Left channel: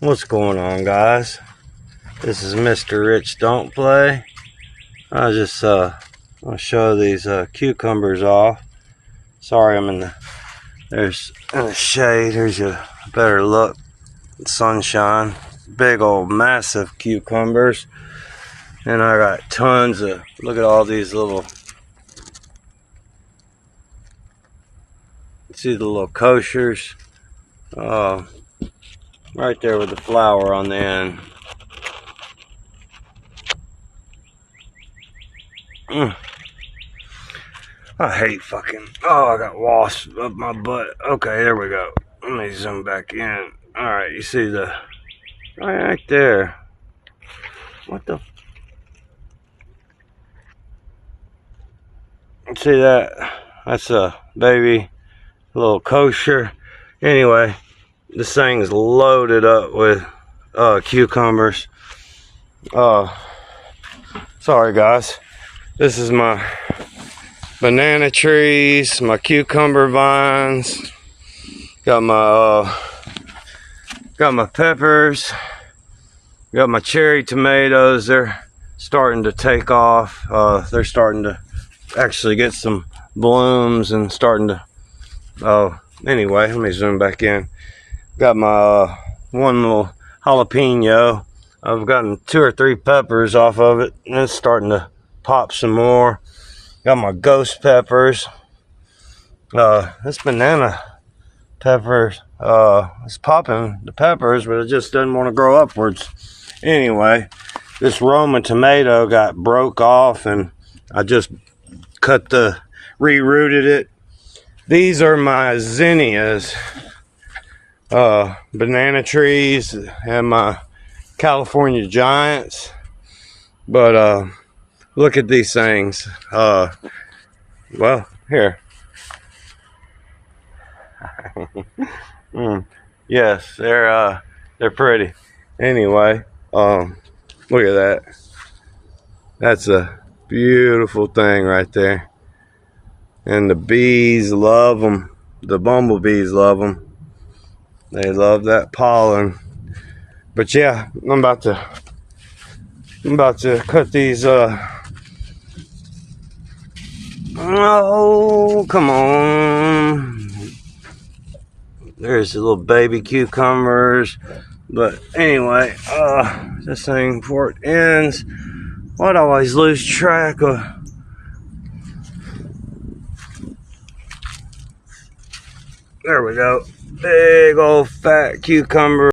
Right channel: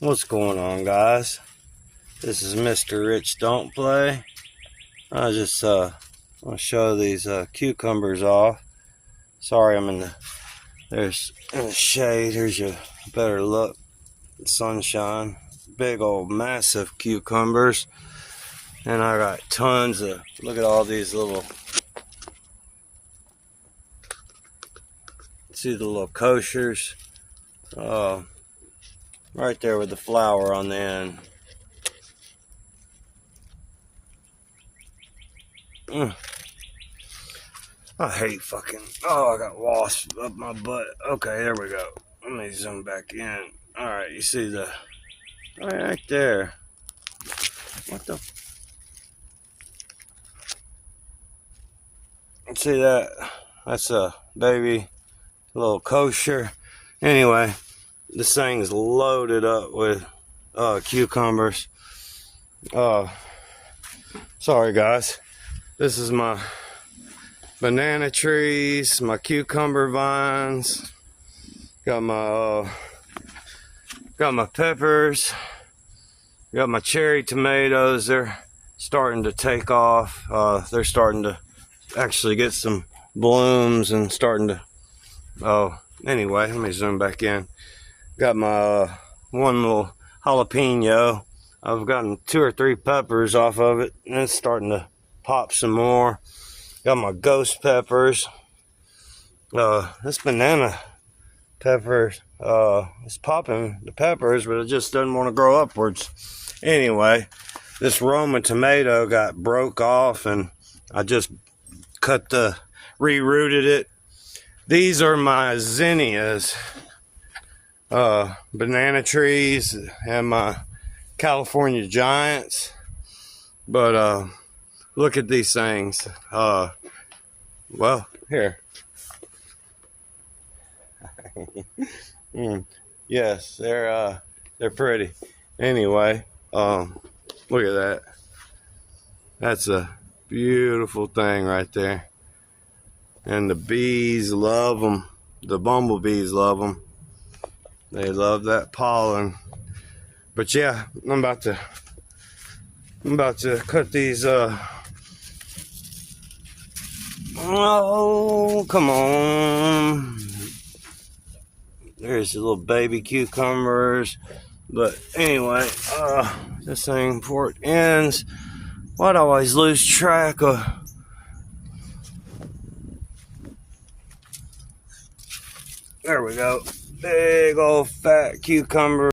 What's going on, guys? This is Mr. Rich Don't Play. I just want to show these cucumbers off. Sorry, I'm in the shade. Here's a better look. Sunshine. Big old massive cucumbers. And I got tons of, look at all these little, see the little koshers? Right there with the flower on the end. I hate fucking, I got wasps up my butt. Okay, there we go. Let me zoom back in. Alright, you see the, right there. What the, see that? That's a baby little kosher. Anyway, this thing's loaded up with cucumbers. Sorry guys. This is my banana trees, my cucumber vines. Got my peppers. Got my cherry tomatoes. They're starting to take off. They're starting to actually get some blooms and starting to. Anyway, let me zoom back in. Got my one little jalapeno. I've gotten 2 or 3 peppers off of it, and it's starting to pop some more. Got my ghost peppers. This banana peppers, it's popping the peppers, but it just doesn't want to grow upwards. Anyway, this Roma tomato got broke off, and I just rerouted it. These are my zinnias, banana trees, and my California giants. But look at these things. Well, here. Yes, they're pretty. Anyway, look at that. That's a beautiful thing right there. And the bees love them. The bumblebees love them. They love that pollen. But yeah, I'm about to cut these. Oh, come on. There's the little baby cucumbers. But anyway, this thing before it ends, I'd always lose track of. There we go. Big old fat cucumber.